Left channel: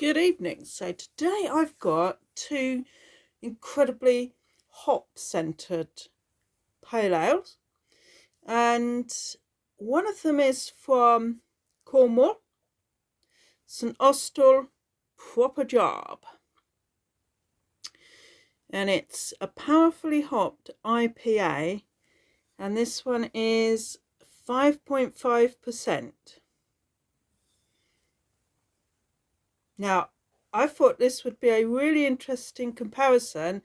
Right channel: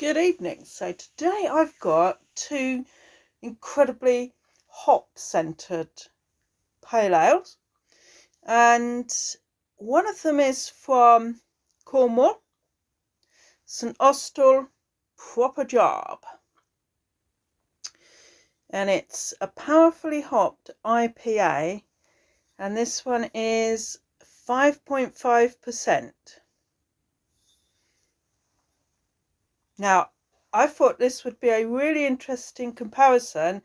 Good evening. So today I've got two incredibly hop-centred pale ales, and one of them is from Cornwall, St Austell Proper Job, and it's a powerfully hopped IPA, and this one is 5.5%. Now, I thought this would be a really interesting comparison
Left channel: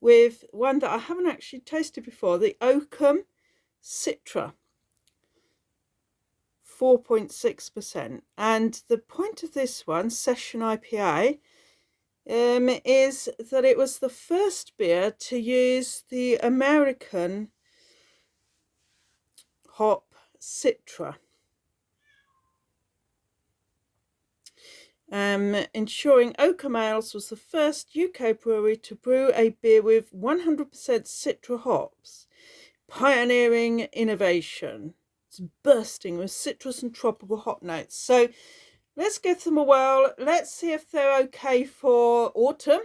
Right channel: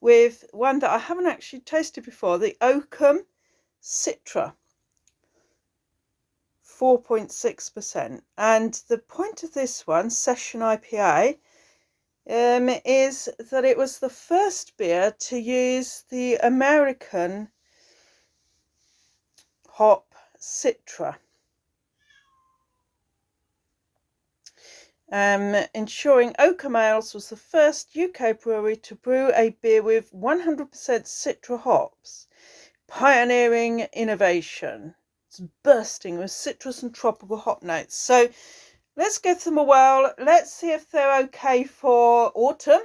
with one that I haven't actually tasted before, the Oakham Citra, 4.6%. And the point of this one, Session IPA, is that it was the first beer to use the American hop Citra. Ensuring Oakham Ales was the first UK brewery to brew a beer with 100% Citra hops, pioneering innovation. It's bursting with citrus and tropical hop notes. So let's give them a whirl. Let's see if they're okay for autumn.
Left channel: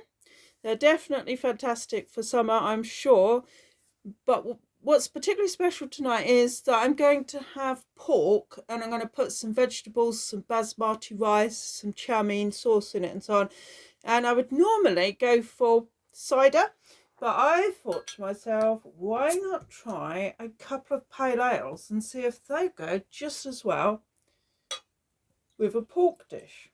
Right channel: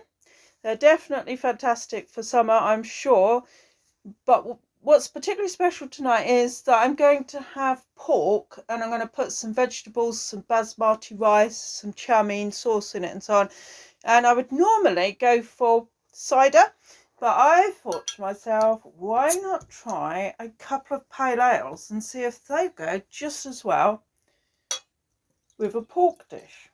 They're definitely fantastic for summer, I'm sure. But what's particularly special tonight is that I'm going to have pork, and I'm going to put some vegetables, some basmati rice, some chow mein sauce in it and so on. And I would normally go for cider, but I thought to myself, why not try a couple of pale ales and see if they go just as well with a pork dish.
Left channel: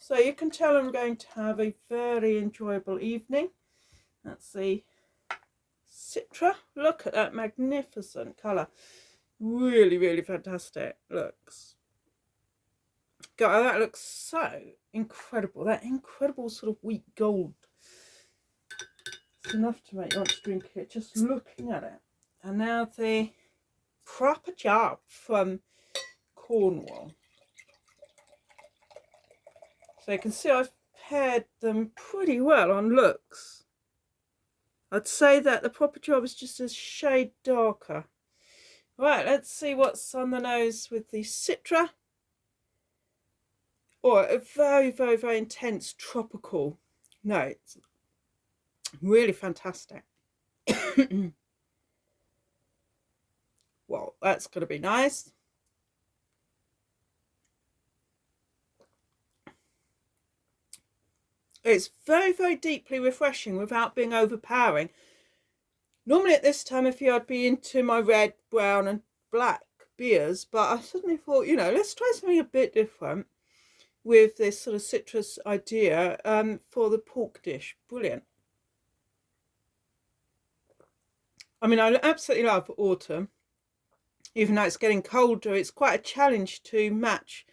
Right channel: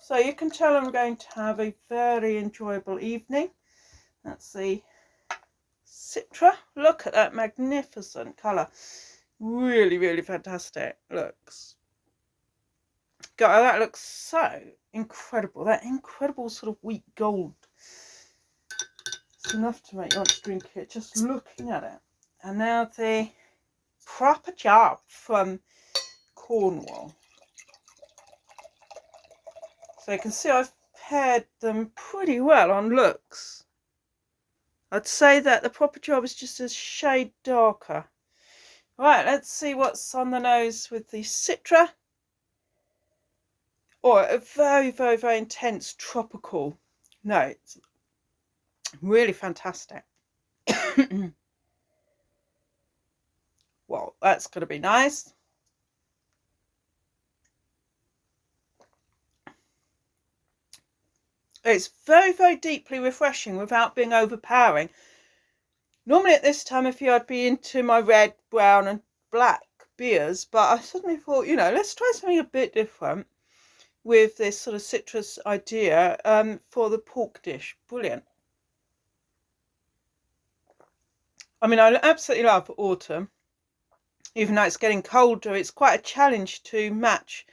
So you can tell I'm going to have a very enjoyable evening. That's the Citra. Look at that magnificent colour. Really, really fantastic. Looks. God, that looks so incredible. That incredible sort of wheat gold. It's enough to make you want to drink it just looking at it. And now the Proper Job from Cornwall. So you can see I've paired them pretty well on looks. I'd say that the Proper Job is just a shade darker. Right, let's see what's on the nose with the Citra. Oh, a very, very, very intense tropical note. Really fantastic. Well, that's going to be nice. It's very, very deeply refreshing without being overpowering. Normally at this time of year I'd be into my red, brown and black beers, but I suddenly thought, let's try something a bit different with this sort of citrus idea for the pork dish. Brilliant. I mean, I absolutely love autumn. Even though it's getting colder, it's quite a challenge to match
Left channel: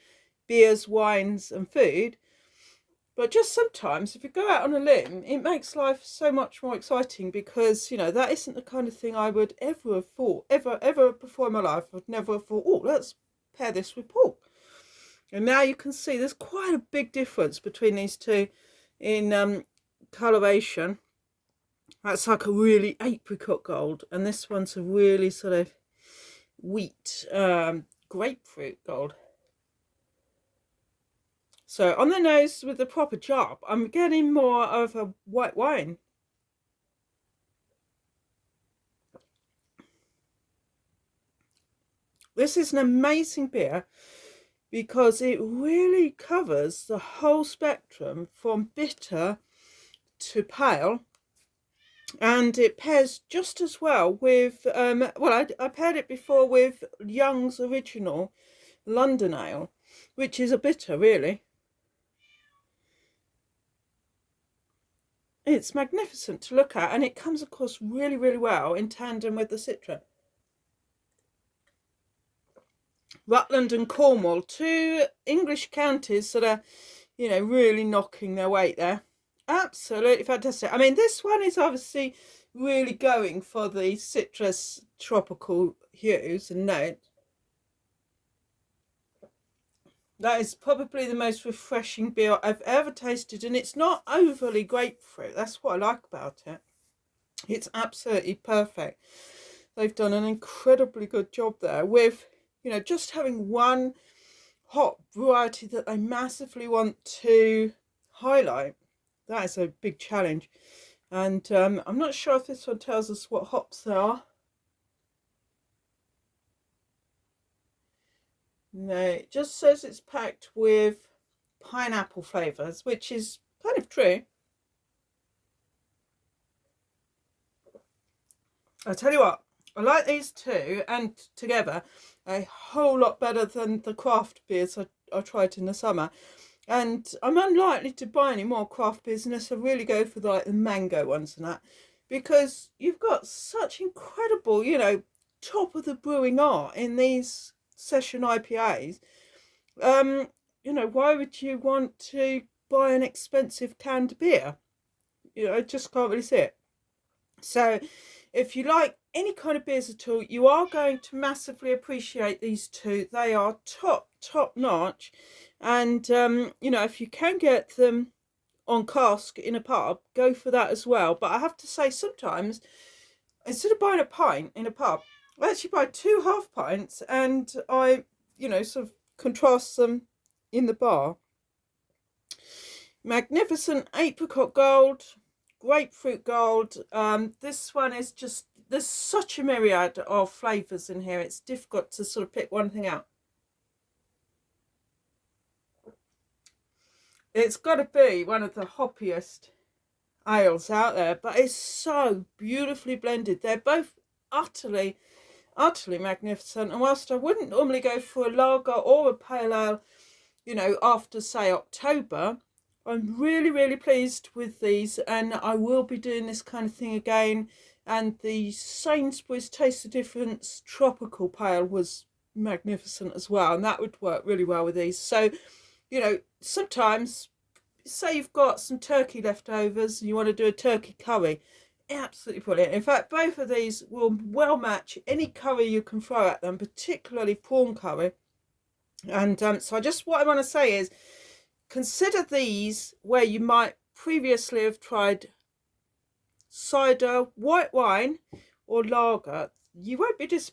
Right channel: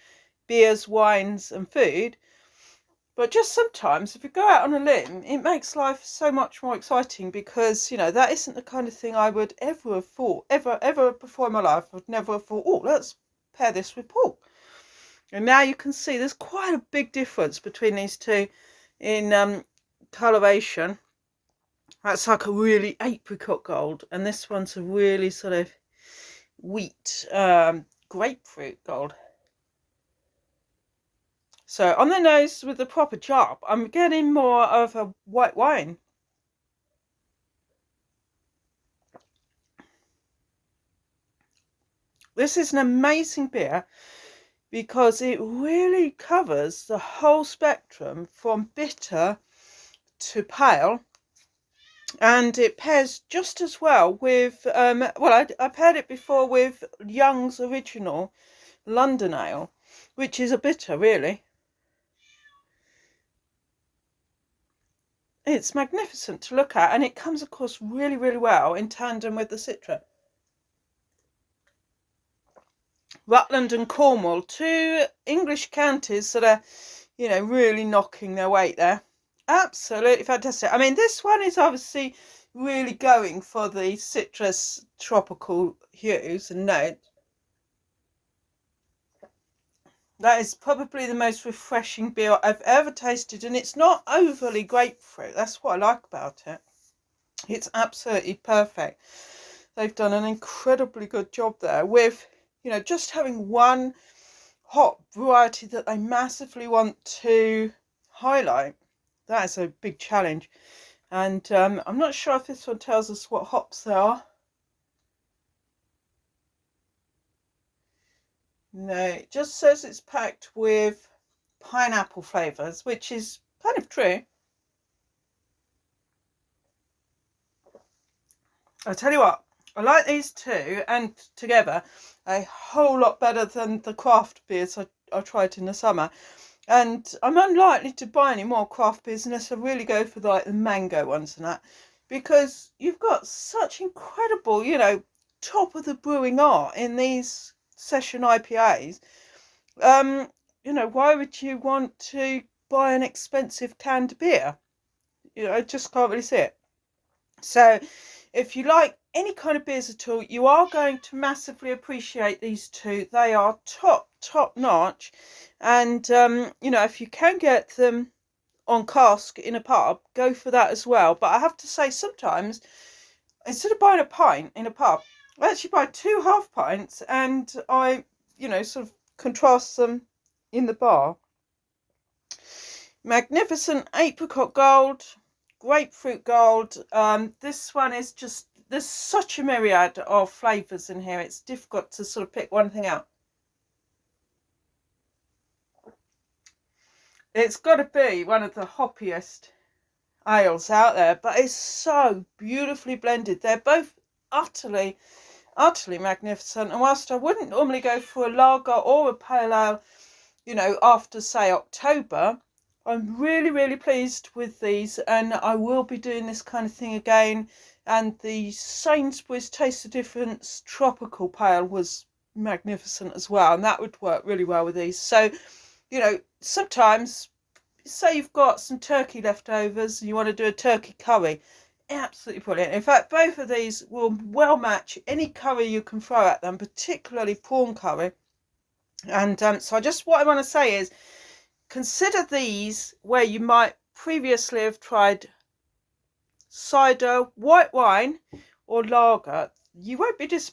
beers, wines and food. But just sometimes, if you go out on a limb, it makes life so much more exciting because, that isn't the kind of thing I would ever have thought, ever before in my life. I'd never have thought, oh, let's pair this with pork. And now you can see there's quite a big difference between these two in coloration. That's like a really apricot gold, and this one's a really sort of wheat grapefruit gold. So on the nose with the Proper Job, I'm getting more of a white wine. This is an amazing beer because it really covers the whole spectrum from bitter to pale, and it pairs just as well with, I paired it before with Young's Original London Ale, which is a bitter really. It's magnificent to look at, and it comes across really, really well in tandem with the Citra. Rutland and Cornwall, two English counties that are, really knocking their weight there. Absolutely fantastic. I mean, this one is obviously really going for the citrus tropical hues and notes. That is probably the most refreshing beer I've ever tasted, and it's not overly grapefruit. That's what I like about it. It's absolutely perfect. They've done an incredibly good job there with, just having one hop variety that they massively want to highlight. That is a big challenge. And I'm not sure if this one tells us what hops they are. No, it just says it's packed with pineapple flavours, which is kind of true. I'll tell you what, I like these two and together a whole lot better than the craft beers I tried in the summer. And I'm unlikely to buy any more craft beers unless I really go for like the mango ones and that, because you've got such incredible, you know, top of the brewing art in these session IPAs. You know, why would you want to buy an expensive canned beer? You know, I just can't really see it. So if you like any kind of beers at all, you are going to massively appreciate these two. They are top notch. And, you know, if you can get them on cask in a pub, go for that as well. But I have to say, sometimes, instead of buying a pint in a pub, I actually buy 2 half pints and I, you know, sort of contrast them in the bar. Magnificent apricot gold, grapefruit gold. This one is just, there's such a myriad of flavours in here. It's difficult to sort of pick one thing out. It's got to be one of the hoppiest ales out there, but it's so beautifully blended. They're both utterly magnificent. And whilst I wouldn't normally go for a lager or a pale ale, you know, after say October, I'm really pleased with these, and I will be doing this kind of thing again. And the Sainsbury's Taste the Difference tropical pale was magnificent as well, and that would work really well with these. So, you know, sometimes say you've got some turkey leftovers and you want to do a turkey curry, absolutely brilliant. In fact, both of these will well match any curry you can throw at them, particularly prawn curry. And so what I want to say is, consider these where you might previously have tried cider, white wine or lager. You won't be disappointed.